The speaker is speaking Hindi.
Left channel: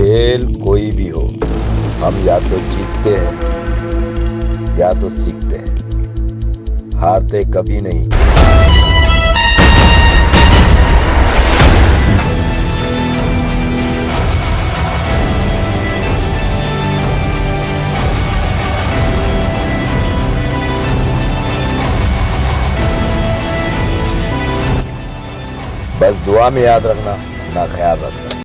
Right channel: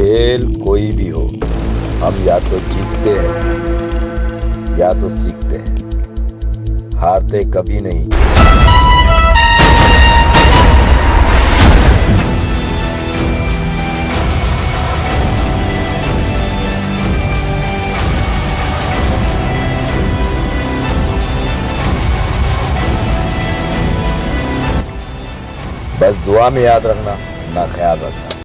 खेल कोई भी हो, हम या तो जीतते हैं या तो सीखते हैं, हारते कभी नहीं। बस दुआ में याद रखना, अपना ख्याल रखना।